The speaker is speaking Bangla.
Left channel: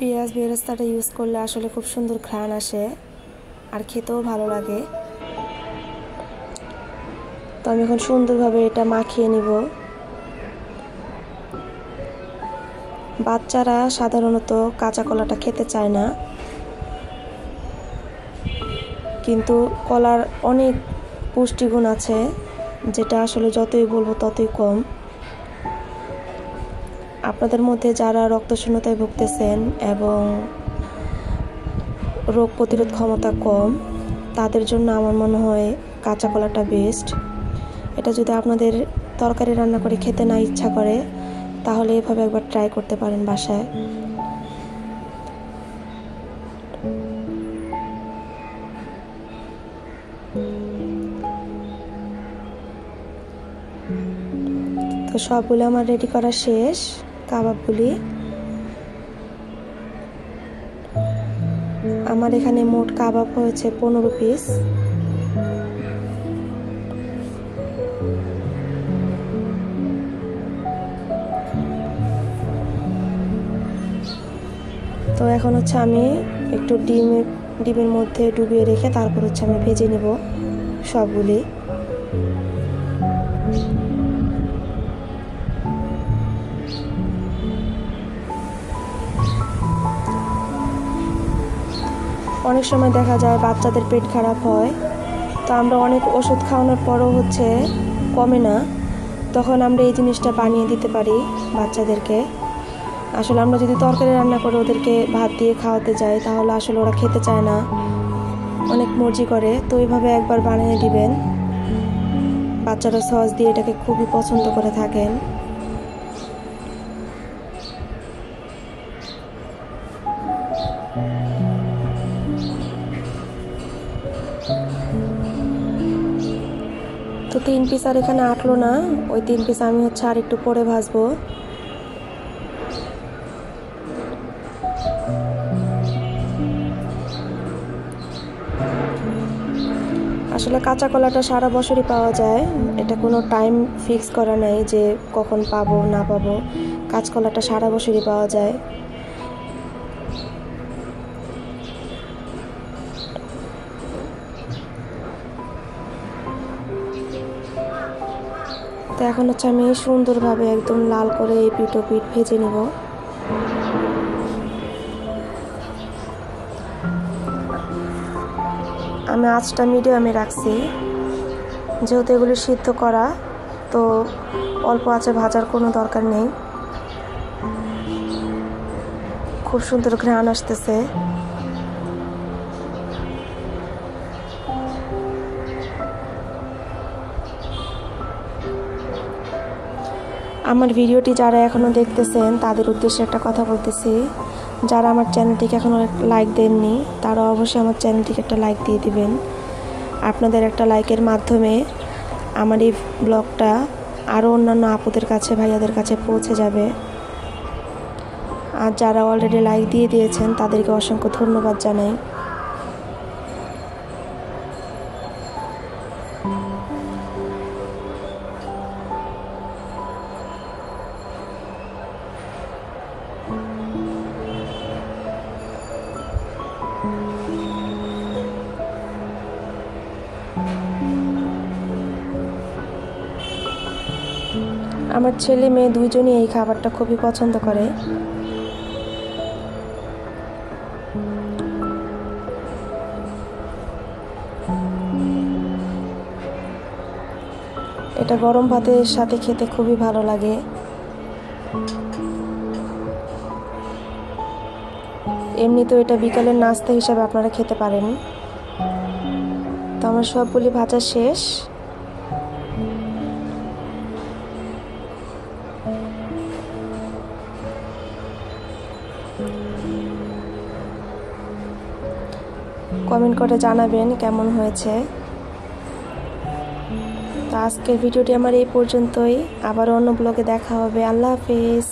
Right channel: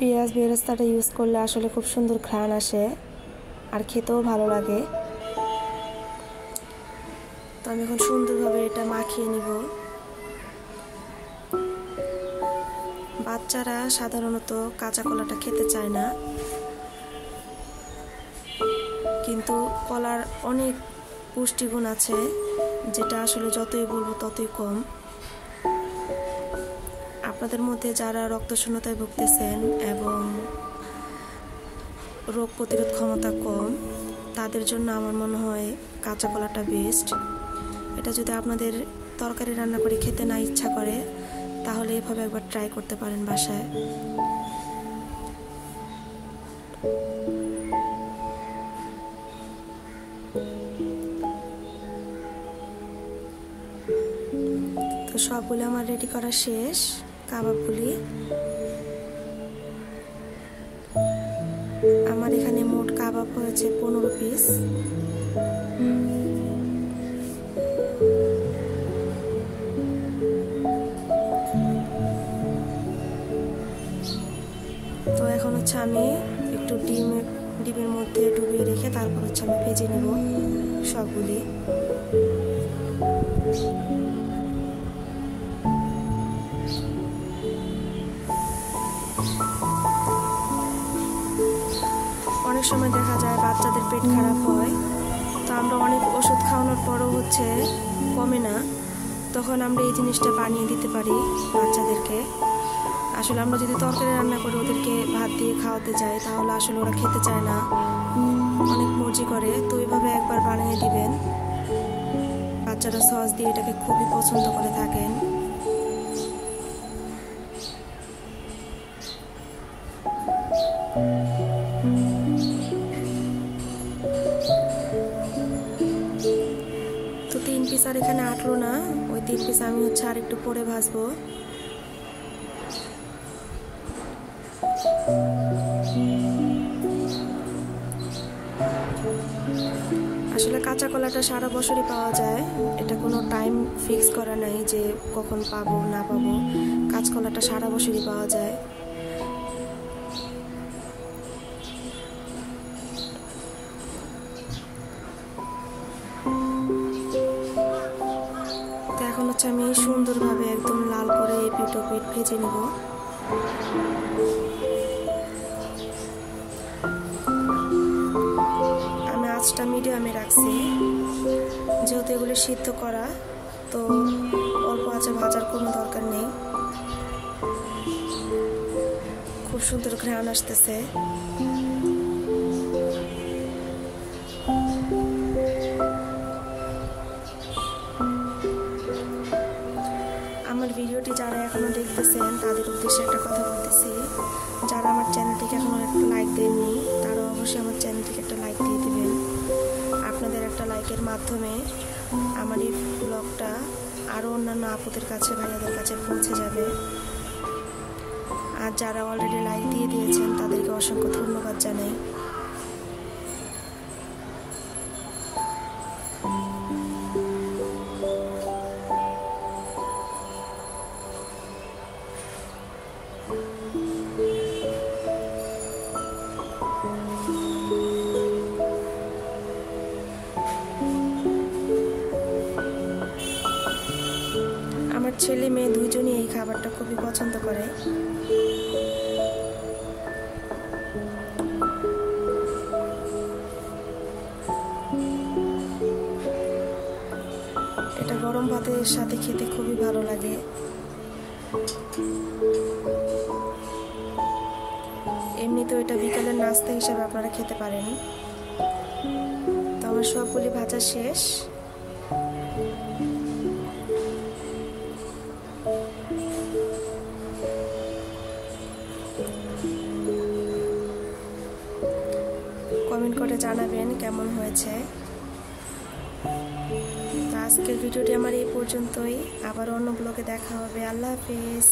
পেঁয়াজ বেরেস্তাটা ইউজ করলে আসলে খুব সুন্দর ঘ্রাণ আসে আর খেতেও ভালো লাগে। তো আমি এখন সুন্দরভাবে এটা মাখিয়ে নিব। বাচ্চারা সাধারণত কাঁচা কলাটা খেতে চায় না, কিন্তু কলার অনেক পুষ্টিগুণ আছে, যেটা আসলে যতই বলবো ততই কম। আপনাদের মধ্যে যারা রক্তশূন্যতায় ভুগতেছেন এবং রোগ প্রতিরোধ ক্ষমতা কম, তাদের জন্য আমার মনে হয় কাঁচা কলাটা বেস্ট। এটা যদি আপনাদের তরকারি রান্না করে খেতে না ইচ্ছা করে, তাহলে এভাবে একবার ট্রাই করতে পারেন বাসায়। তো সবগুলো আমার রেডি করা শেষ। কাবাবগুলি আমার এখানে মোট কাবাব হয়েছে 15 পিস। তো এখন হচ্ছে আমি একটু ডিমের মধ্যে ডুবিয়ে রেখে তারপর হচ্ছে আমি ভেজে নেব সবগুলি। অনেক সময় দেখা যায় বাচ্চাদের পেট খারাপ হয়, তো আমরা অনেক ওষুধ খাওয়ানোর পরও হচ্ছে কমে না, তখন আমরা এই জিনিসটা বানিয়ে দিতে পারি বাচ্চাদেরকে। আসলে আমরা যদি তরকারি রান্না করে ওদেরকে ভাত দিয়ে খাওয়াতে যাই, তাহলে আসলে ওরা খেতে চায় না, অনেক মর্জি করে। তো এইভাবে একবার বানিয়ে দিবেন, বাচ্চারা সস দিয়ে এটাকে খুবই পছন্দ করে থাকেন। তো 3 পিস আর এখানে আটলো না, ওই 3 পিস আমি হচ্ছে আর একটু পরে ভাজবো। আসলে কাঁচা কলাটা সারা বছরই পাওয়া যায়, এটা কোনো টাইম ফিক্স করা নাই যে কখন পাবো না পাবো। কাঁচকলাটা সারা বছরই পাওয়া যায়। তো এখন হচ্ছে আমি সুন্দরভাবে একদম লাল করে এই পিঠ ও পিঠ ভেজে নেব। আমি আঁচটা মিডিয়ামে রাখছি, যেহেতু এগুলি সিদ্ধ করা, তো অল্প আঁচে ভাজার কোনো দরকার নেই। খুব সুন্দর ঘ্রাণ আসতেছে। আমার ভিডিওটি যারা এখনো দেখতেছেন তাদের উদ্দেশ্যে একটা কথা বলতেছি, যারা আমার চ্যানেলটিকে এখনো লাইক দেননি তারা অবশ্যই আমার চ্যানেলটিকে একটা লাইক দিয়ে দিবেন। আপনাদের একটা লাইকের মাধ্যমে আমার এই ব্লগটা আরও অন্যান্য আপুদের কাছে, ভাইয়াদের কাছে পৌঁছে যাবে। আর যারা অলরেডি লাইক দিয়ে দিয়েছেন তাদেরকে অসংখ্য ধন্যবাদ জানাই। আমার ছেলে মেয়ে দুইজনই এই খাবারটা খুবই পছন্দ করে। এটা গরম ভাতের সাথে খেতে খুবই ভালো লাগে। এমনিতেও এটা বিকালের নাস্তা হিসাবে আপনারা খেতে পারেন। তো আমার সবগুলি ভাজা শেষ। কমেন্ট করে জানাবেন কেমন হয়েছে। তো আজকের ভিডিওটি আমার এই পর্যন্তই, আবার অন্য ব্লগে দেখা হবে। আল্লাহ হাফেজ।